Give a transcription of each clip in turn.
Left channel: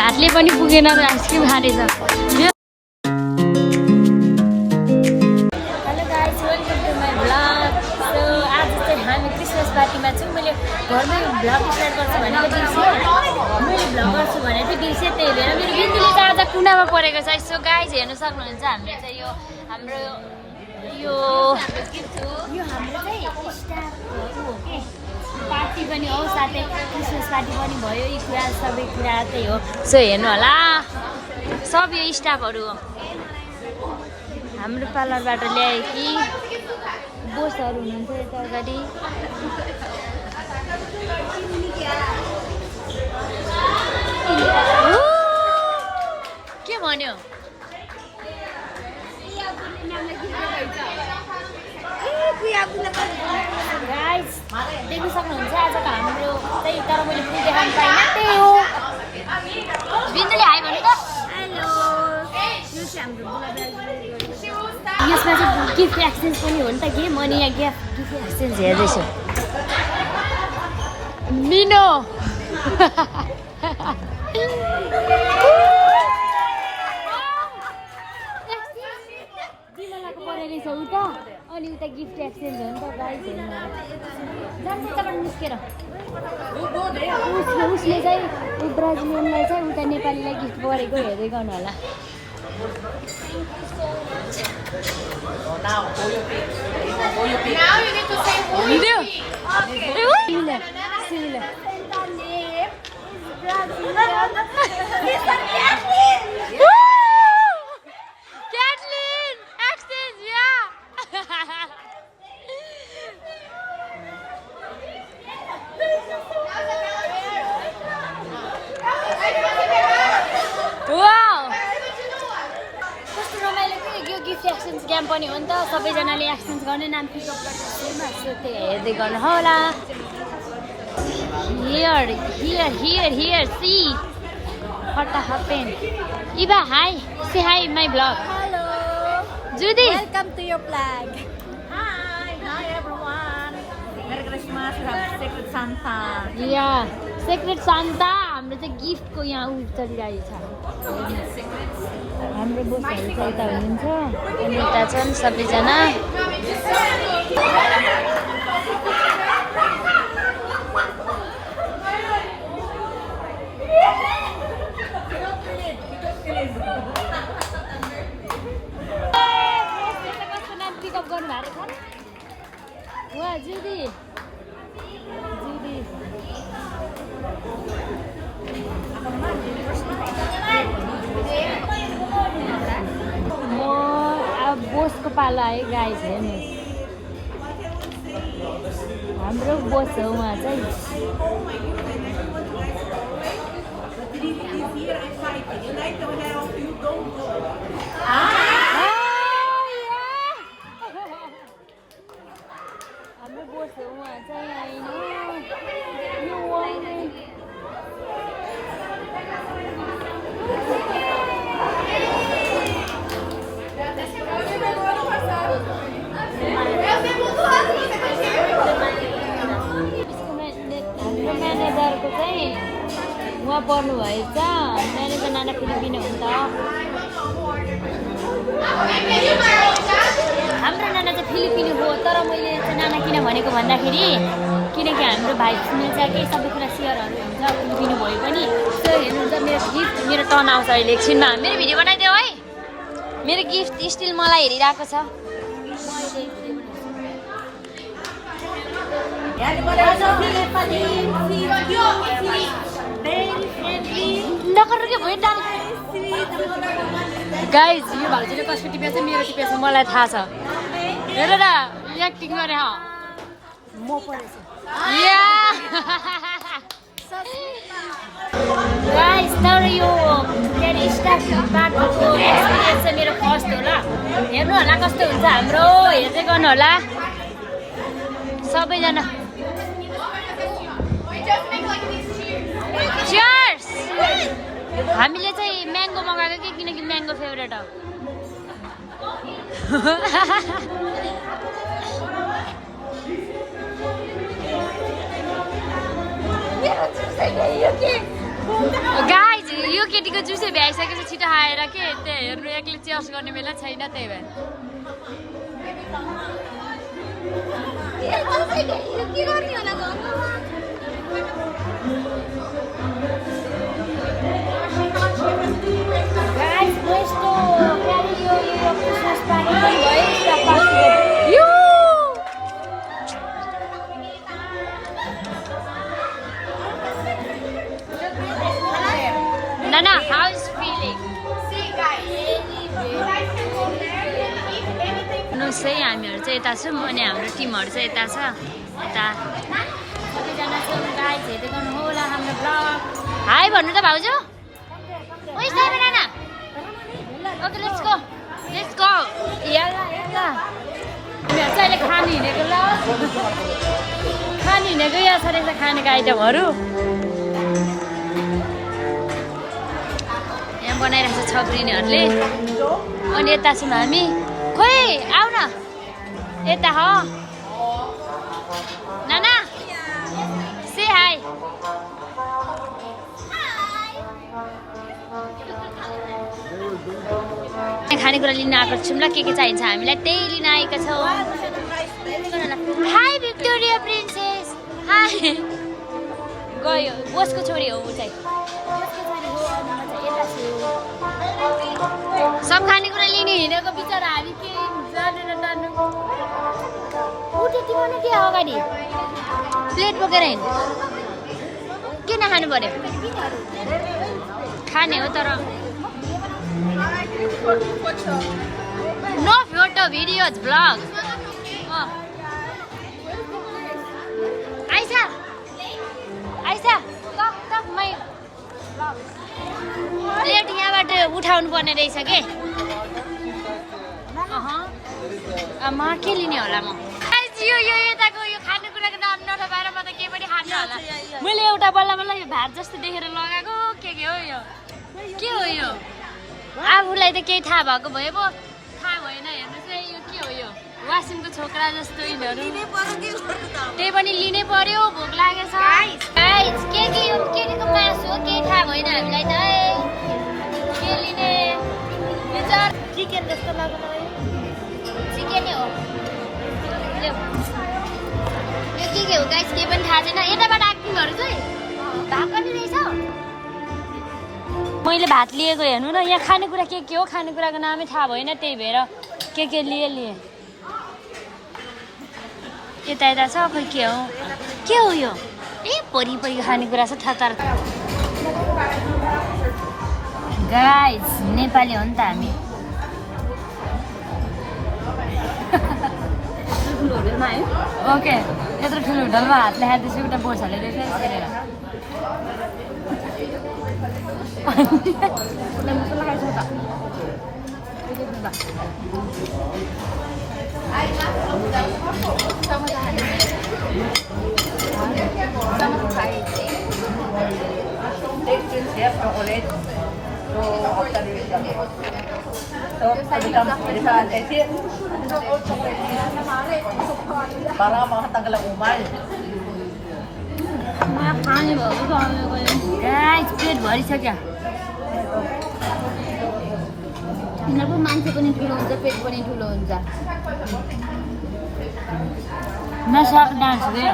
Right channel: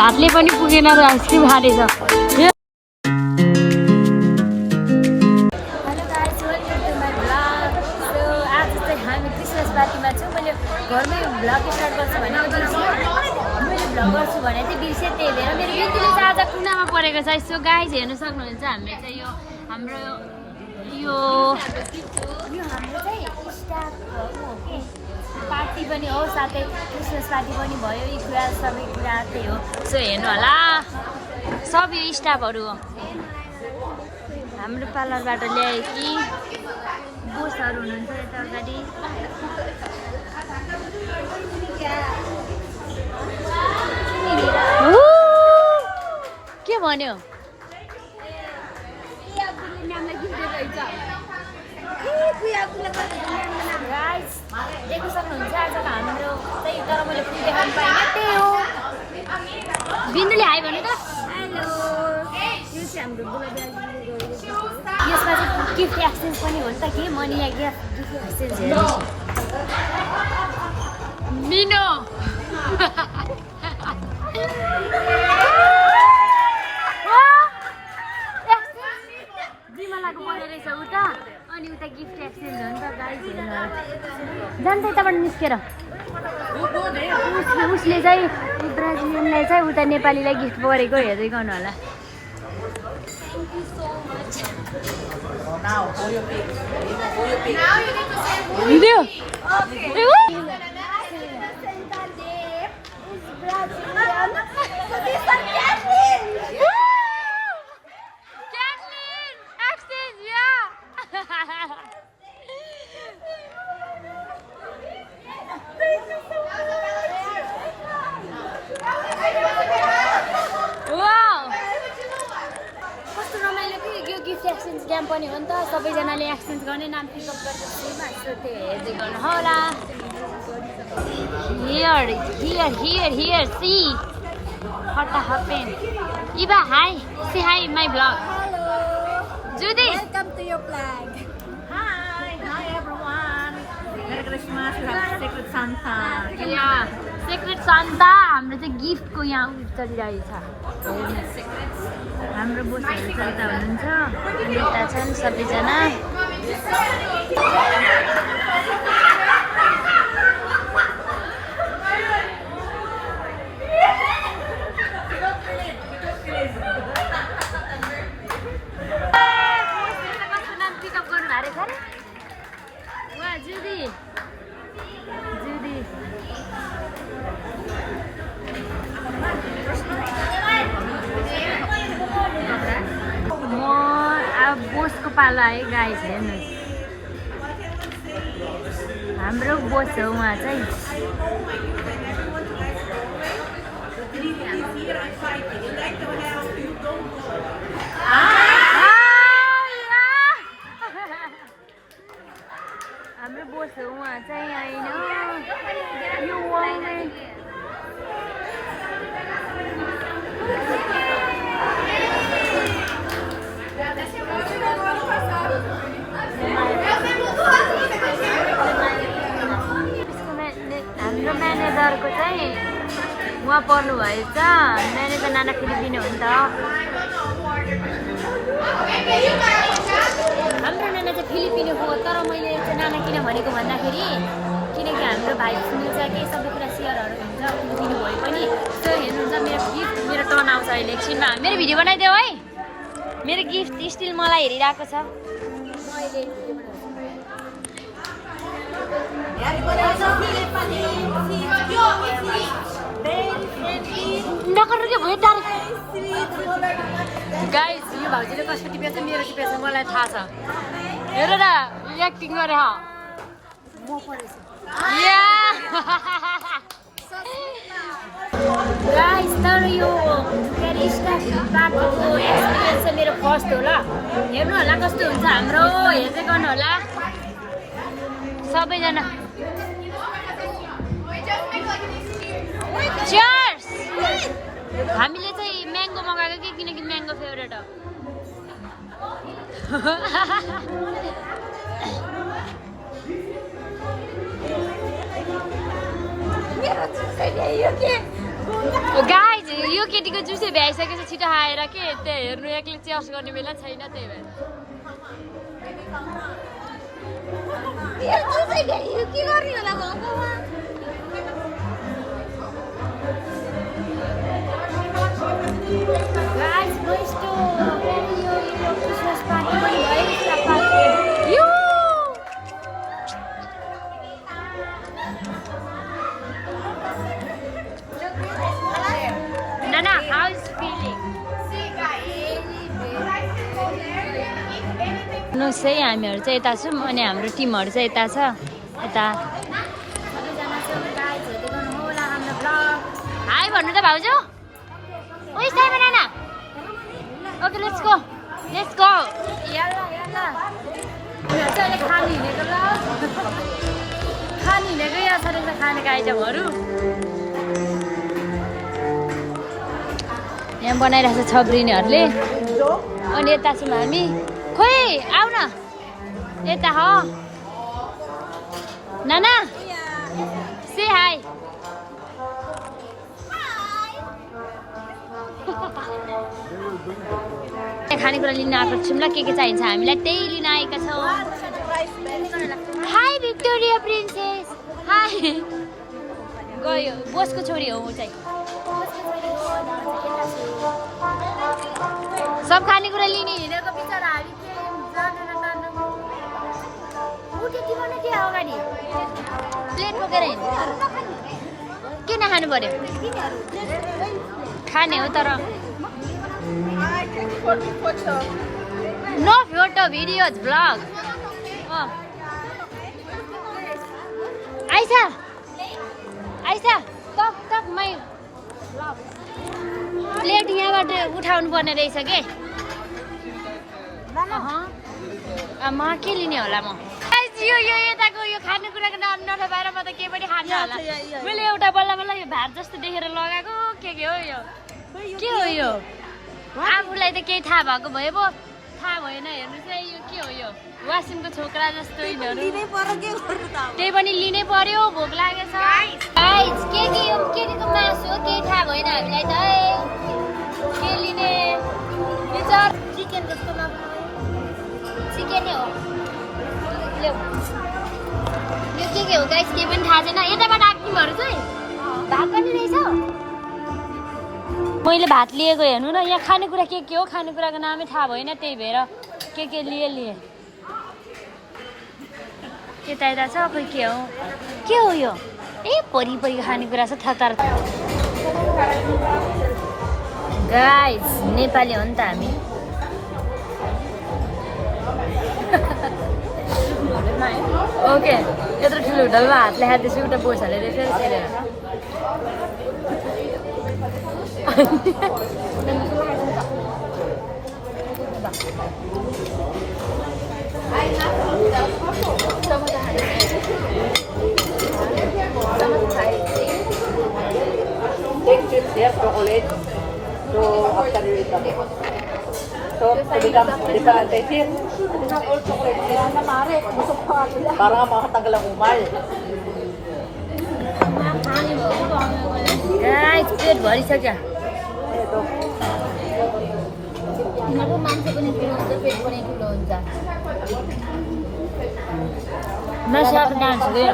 भातले पनि पुगेन र आइसक्रिम खाँदैछ। पार्टीमा छु मैले घरमै भ्लग स्टार्ट गर्छु भनेको दिउँसो मैले भ्लग गर्छु भनेको थिएँ दिउँसो त्यही भएर मेरो बिन्दुले चाहिँ आज कुनामा परेको छ। यसो गाइज हेर्न सक्नुहुन्छ हामीले चाहिँ यो हाम्रो चाहिँ स्टाफ हो के पार्टी पनि हो साथै क्रिसमस पार्टी पनि भयो। यी कुरा सबै कुरा त्यही हो। सो हेर्नु होला सब यो स्टाफहरू हो। हाम्रो पार्लरबाट ल्यायो कि बोसहरू हुनुहुन्छ यता अगाडि। के भन्यो देख्नु सक्नुहुन्छ आजको हाम्रो चाहिँ तर मैले फुल देखाउनु पाइनँ त्यही हो। बिन्दुले हाई भन्नु त। हेलो यो चाहिँ हाम्रो यसमा चाहिँ गिफ्ट एक्सचेन्ज पनि हो नि त के म नि यहाँ गिफ्ट एक्सचेन्ज हेर्दैछु। लिनो बिमलाको परेको रहेछ उता अनि उता गिफ्ट एक्सचेन्ज हो नि त गाइस हेर्नु जान्छ यताबाट निस्केर उसले चाहिँ ब्राजिलियनलाई चाहिँ उता नेपालीलाई गिफ्ट गरेको हेर्दै गर्नु होला। Video. Kathleen, accent, yeah. Wow. Gift exchange game पनि हो नि त सबैजनाले एक्सचेन्ज गर्ने नाम पिकअप गरेर हेर्दै गर्नु होला। Here here here here see हट्टा हट्टे इभा hi say hi my blog. Hello Judy welcome to your blog. Hi hi everyone merry Christmas secret Santa या सेक्रेट सान्ता हाम्रो चाहिँ गिफ्टको यहाँ उ चलिरहेछ। हाम्रो बोसहरू चाहिँ यता हुनुहुन्छ अनि यता छन् सबैजना। कस्तो नाम पिकअप गर्नु भएको रहेछ वा जुदी जुदी म अब बोसको पालो आयो गाइस हेर्नु हाम्रो बोस हो उहाँ चाहिँ। हाम्रो बोस हो उहाँ चाहिँ होइन यो हाम्रो म्यानेजरको चाहिँ उहाँ पर्नु भएछ। म्यानेजर नाना फिलिपिनो हो नि त। हाम्रो नाना चाहिँ फिलिपिनो हो तर मैले चाहिँ नाना किन भनेको भन्दाखेरि किनकि हाम्रो भाइ सुनिन्छ कि सबै कुरा सेयरहरू हुन्छ फिलिपिनो भए पनि। त्यो हेर्नुहुन्छ मेरो गिफ्ट मेरो टर्न आउँछ अहिले एकछिनमा। मेरो भिडियो बनाइदेऊ है। मेरो गिफ्ट स्टिल मलाई हेरिरहेको छ। गाइस यो भाउजूले कसको टिपेछ मेरो टिपेछ मलाई थाहा छ। हेर त एक्टिङ गरे ह म परेछ या गाइस तर यो केरी स्टाफ पार्टको एक्सपिरियन्स चाहिँ मेरो फर्स्ट होला। हेर्नु होला कस्तो हुन्छ हाम्रो हेर्दै गर्नु होला सबैजना। चियर्स। हामीले चाहिँ म्याङ्गो मगाएको कि किनकि म्याङ्गो फेभरेट हो। गाइज यो के त्यो जुसे भ्याइसकेपछि छिटो आएर के त्यो हेर्नु एक्लै चेयर्स गर्ने बेला छैन त्यही भएर Guys, boys to carry your Christmas party on you. Nana, how is feeling? No सही हामीहरु चाहिँ यता छौं अनि हाम्रो टिमहरु चाहिँ यता छ यता सबैजना चाहिँ गाइस हेर्दै गर्नु होला हाम्रो ब्लग हाई भन्नु त भाउजू ओइ साइमा नाना ओके लेट्स गो याला याला यहाँ चाहिँ खानु हिँडेको ल खानु हिँडेको यहाँ छ रहेछ खानेको आइटमहरु यहाँ बनाइरहेको छ ब्रिनीहरुले अनि यता छौं हामी खोइ आउ न यता हो नाना से हाई खानेकुरा लिन आएको छौँ ल के चाहिन्छ हामीलाई त्यही लिन आएका छौँ हाई भिक्टोरिया प्रिन्सेस हाई गयो बोसको छोरी हो ऊ चाहिँ सब खानेकुरा लिने हिँडेको बिचरा हामी के जानु न जानु ऊ त्यति पनि के अगाडि प्लेट बोकेर हिँड्नु के नखानु पर्यो खाने हो तर नो फोटो भिडियोज ब्लग आइसा आइसा टक टक मै ब्लग प्लेट यहाँबाट उठाउनु पर्ने रहेछ के म के लिने होला म यो यताको यो खानेकुराको नाम नथपाएर म त के पनि खान्न होला मैले एउटा बल्ल बल्ल यो भात जस्तो देखेर लगाएको के हो यो के हो यो आफूलाई त केही थाहा भएको भए पो थाहा भएन हेर्नु चाहिँ यो के हो यो वासिमको छोकरा जस्तो यिनीहरू त्यही पनि लिनै पर्यो भोक लागेछ गाइस के यो के को मासु हो केही थाहा भएन हामीलाई त के लिने चिकन जस्तो लाग्यो चिकनै हो यो के हो गाइस केही पनि थाहा छैन यताबाट आइटमहरु चाहिँ भात पनि रहेछ मैले भात लिएको हेर्नु न यहाँ खानेकुरा के हो खानेकुराको नामै थाहा भएन त्यही भएर के लिए यता यता छ खोइ के हो यो ए परि खानेकुरा छ थर गाइस नेपाली हो नि त हामी ओके यत्रो ठुलो होटलमा हातले हाल्दैछु एउटा बोसहरूले देखेर हेरेर पेट भरिसक्यो यिनीहरूको मान्छे पनि ठुलो हुन्छ पेट पनि ठुलो हुन्छ नसाको डान्स हो क्या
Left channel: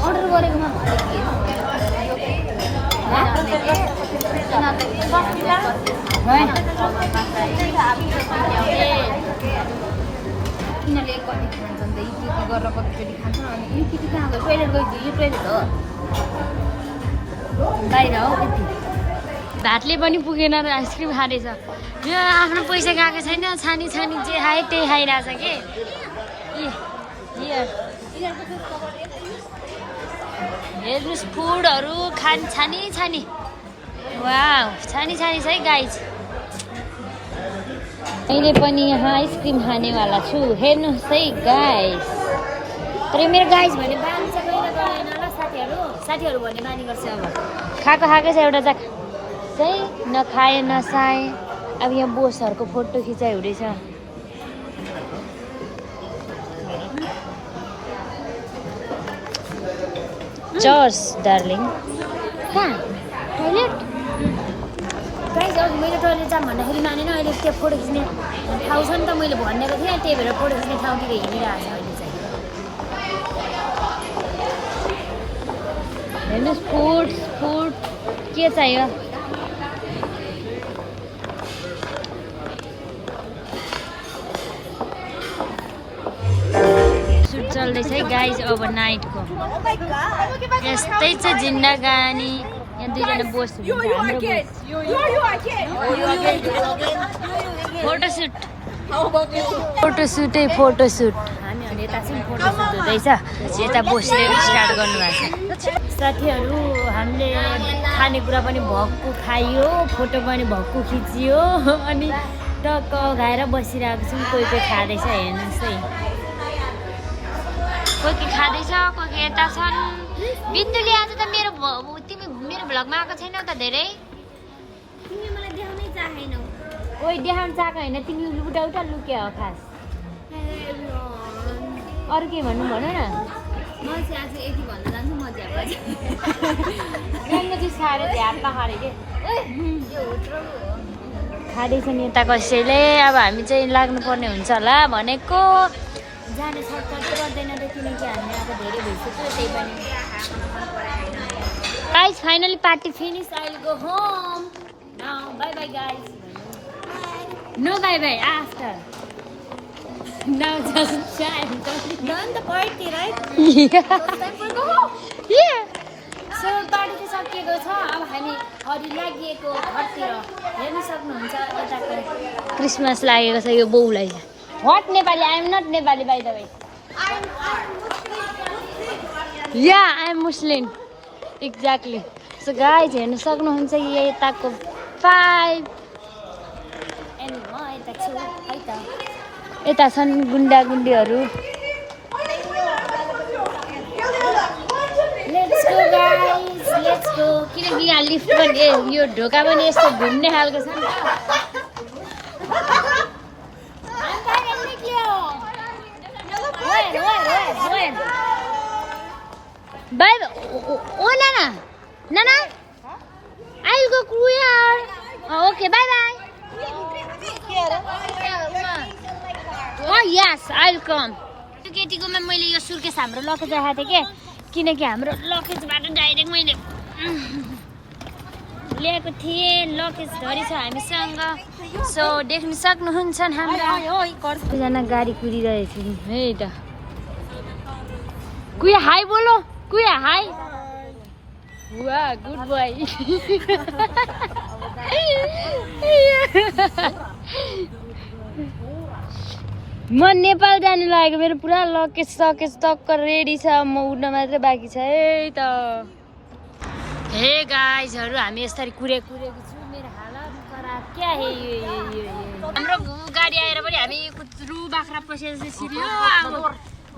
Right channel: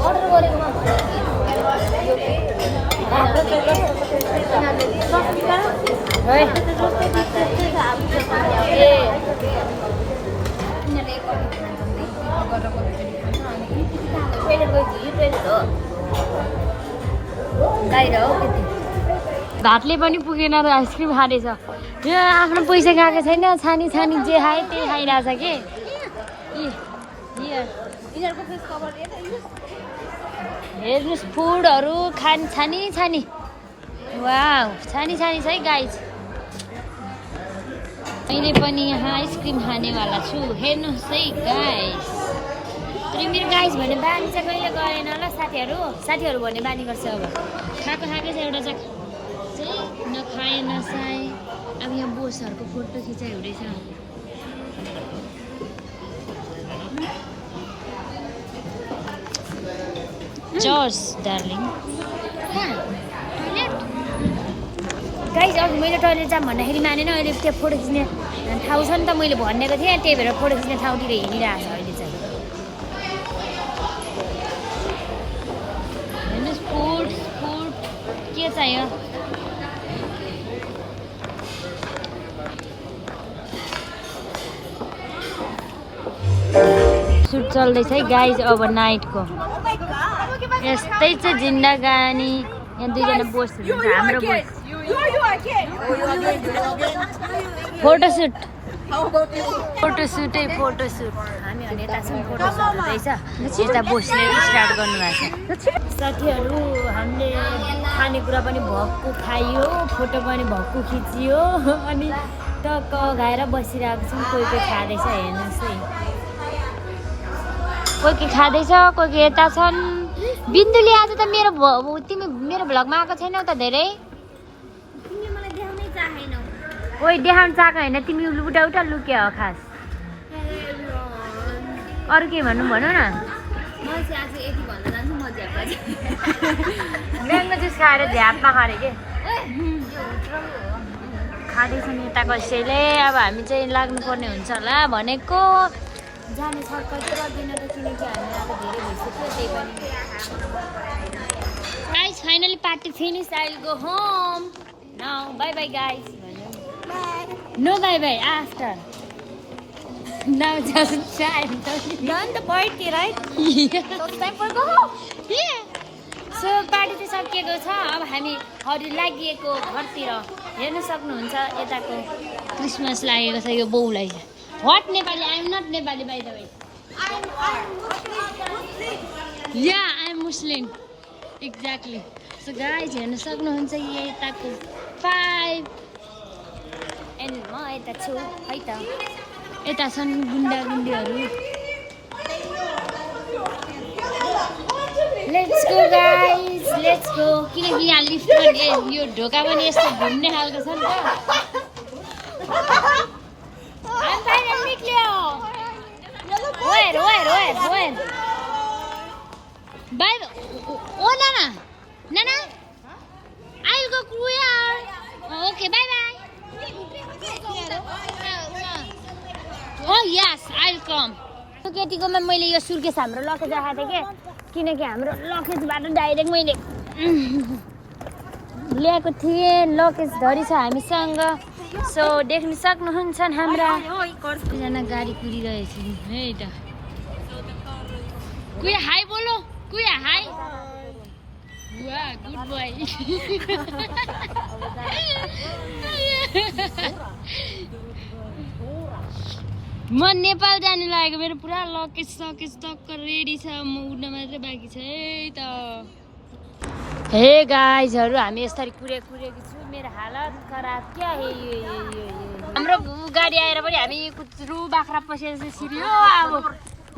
अर्डर गरेको भातले पनि पुगेन र आइसक्रिम खाँदैछ यो आफ्नो पैसा खाएको छैन छानी जे खाए त्यही खाइरहेछ कि हेर्नुहोस् फुडहरू छानी वाउ छानी छ है गाइज मैले पनि यहाँ आइसक्रिम खानेवाला छु हेर्नुहोस् है गाइज तर मेरो गाइज भने बानी चाहिँ कहिले गएन ल साथीहरू भन्ने बानी गर्छ अब खाएकै छ एउटा चाहिँ नखाए नसाए अब यहाँ बोसहरूको फोटो खिचाइ हुँदैछ जर्स डार्लिङ कहाँ टोइलेट गाइज अघि मैले टोइलेट जाम भन्दाखेरि मानेन अहिले त्यो फोटो खिच्ने ठाउँ छ नि त मैले भनेको थिएँ त्यही भएर फोटो खिच्ने ठाउँतिर हिँडिरहेको छ अहिले चाहिँ हेर्नुहोस् फुड के चाहियो सुट चल्दैछ है गाइज अब नाइटको यस्तै छ जिन्दगानी यहाँ दुईजना बोस हुनुहुन्छ हाम्रो बोस फोटोसुट हामीहरू यता चाहिँ फोटोसुट हुँदैछ यता बोसले स्टार्ट गर्नुभएको छ साथीहरू हामीले खानेकुरा पनि भक्कु खाइयो फोटो पनि भक्कु खिचियो अनि टक्क खाएर बसिरहेको छौँ कोही खाँदैछ हेर्नुहोस् है कोही खाँदैछ कोही यता छन् बिन्दुले आज त तिमी मेरो भ्लगमा आएको छैनौ त धेरै तिमीले मलाई देखाउनै चाहेनौ ओइ देखाउन चाहेको होइन तिमी उटा लुक्या हो खास अरू के भन न म चाहिँ आज यति भन्न जान्छु म म्याङ्गो जुस खाएर झ्यापमा खरे के खाँदैछन् यता कसैले अब हामी चाहिँ लाग्नुपर्ने हुन्छ होला भनेको जाने सक्छ गर्दैन र किनकि हामी अब धेरै भइसक्यो त्यही पनि guys finally party finish I will go home now bye bye guys no bye bye after now just time done the party right so party चाहिँ सकिएको छ अब हामीहरू लागिएको घरतिर हेर्न सक्नुहुन्छ यताको क्रिसमस लागेको छ यो बाउलाई What Nepali? I am not Nepali by the way. Yeah, I am Muslim. Exactly. So guys, हेर्न सक्नुहुन्छ यताको 5 and म यता छु है त यता छन् गुन्डागुन्डीहरू Let's go guys, let's go. किनकि यहाँ लिफ्ट पनि यो ढोका पनि यस्तो घुम्ने खालको छ नि त I'm finally clear. Where? Bye. Oh, Nana. I'll go here. Oh, okay, bye. Oh, yes, I'll come. केटीकोमा मैले यो सुर्केस हाम्रो लकेज राखेको थिएँ किनकि हाम्रो लकेजबाट डाइरेक्ट मैले ल्याएको थिएँ लकेज धरी छ हामीसँग सो देख्न सक्नुहुन्छ हाम्रा दुईजना गाडी कुदिरहेछन् है त कुया हाई बोलो कुया हाई वाह गुड बोय म नेपाल जानु लागेको मेरो पुरा लकेज सकेज टक्क रेडी छ म उड्न मात्रै बाँकी छ है त हे गाइजहरू हामी यसरी कुरेको छु मेरो हालत खराब क्या हे हाम्रो गाडी आएर पनि हामी कुत्रु बाख्रा पसेर सिरियो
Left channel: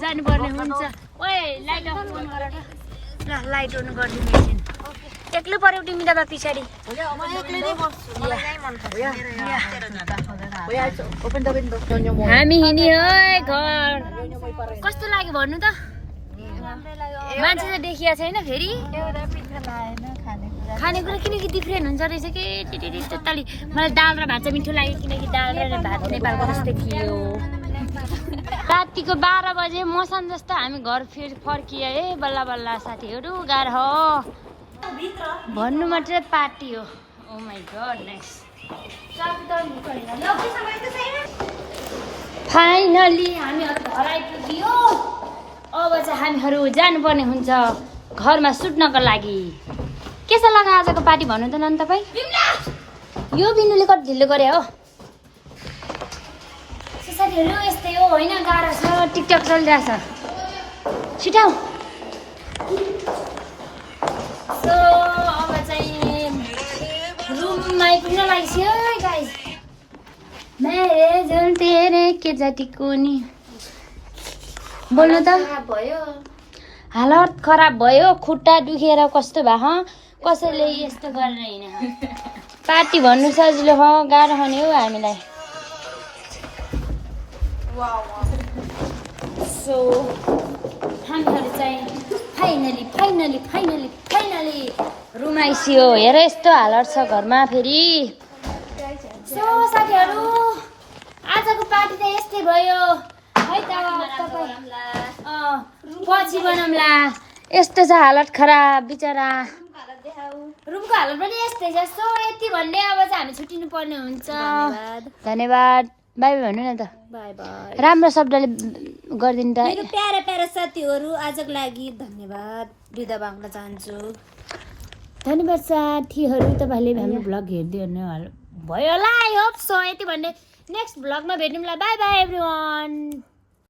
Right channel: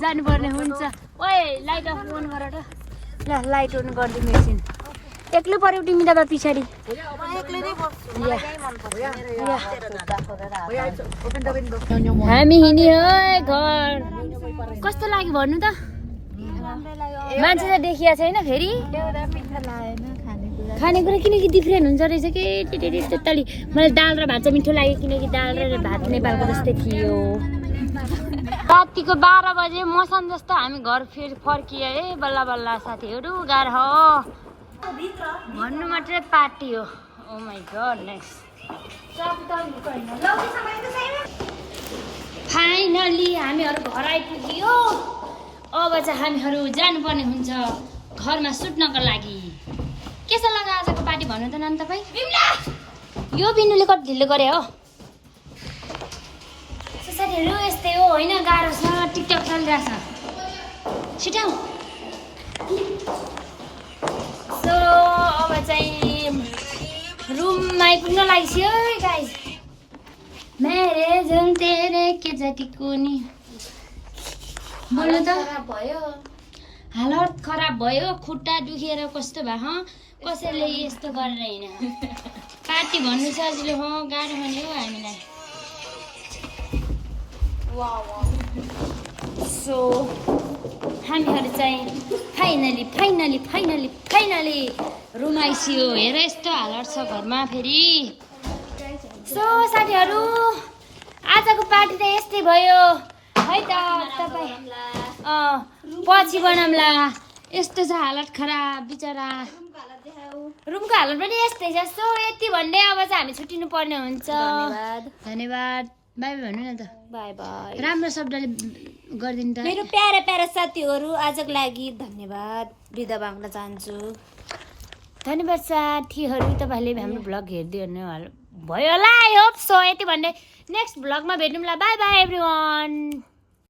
जानुपर्ने हुन्छ ओए लाइट अफ अन गरेको ल लाइट अन गरिदिनु एकछिन एक्लै पर्यो तिमी त पछाडि हामी हिँड्यो है घर कस्तो लाग्यो भन्नु त मान्छे चाहिँ देखिया छैन फेरि खानेकुरा किनकि डिफ्रेन्ट हुन्छ रहेछ कि टोटली मलाई दाल र भात चाहिँ मिठो लाग्यो किनकि दाल र भात नेपालको जस्तै थियो रातिको 12 बजे मौसम जस्तो हामी घर फेरि फर्कियो है बल्ल बल्ल साथीहरू गाह्रो हो भन्नु मात्रै पार्टी हो ओ माई गडनेस फाइनली हामीहरू घर आइपुग्यो अब चाहिँ हामीहरू जानुपर्ने हुन्छ घरमा सुत्नको लागि के छ लगा आजको पार्टी भन्नु त नन् तपाईँ यो बिन्दुले कति ढिलो गरे हो साथीहरू यस्तै हो होइन गाह्रो छ टिकटक चलिरहेछ छिटाउ सो अब चाहिँ रुममा आइपुग्न लागिसक्यो है गाइस मेरे जुन तेरे के जातिको नि बोल्नु त भयो हालत खराब भयो खुट्टा दुखेर कस्तो भयो कसैले यस्तो गरेर होइन पार्टी भन्नु सजिलो हो गाह्रो हुने हो हामीलाई सो हामीहरू चाहिँ फाइनली रुम आइसियो हेर यस्तो हालत छ घरमा फेरि सो साथीहरू आजको पार्टी त यस्तै भयो है त तपाईँ पछि बनाउँला यस्तो छ हालत खराब बिचरा रुमको हालत पनि यस्तै छ सो यति भन्दै अब चाहिँ हामी छुट्टिनु पर्ने हुन्छ धन्यवाद बाई बाई भन्नु न त बाई बाई राम्रो शब्दले गरिदिनु त मेरो प्यारा प्यारा साथीहरू आजको लागि धन्यवाद बिदा माग्न चाहन्छु धन्यवाद साथीहरू तपाईँहरूले हाम्रो भ्लग हेरिदिनु भयो होला आई होप सो यति भन्दै नेक्स्ट भ्लगमा भेटौँला बाई बाई एभ्रिवान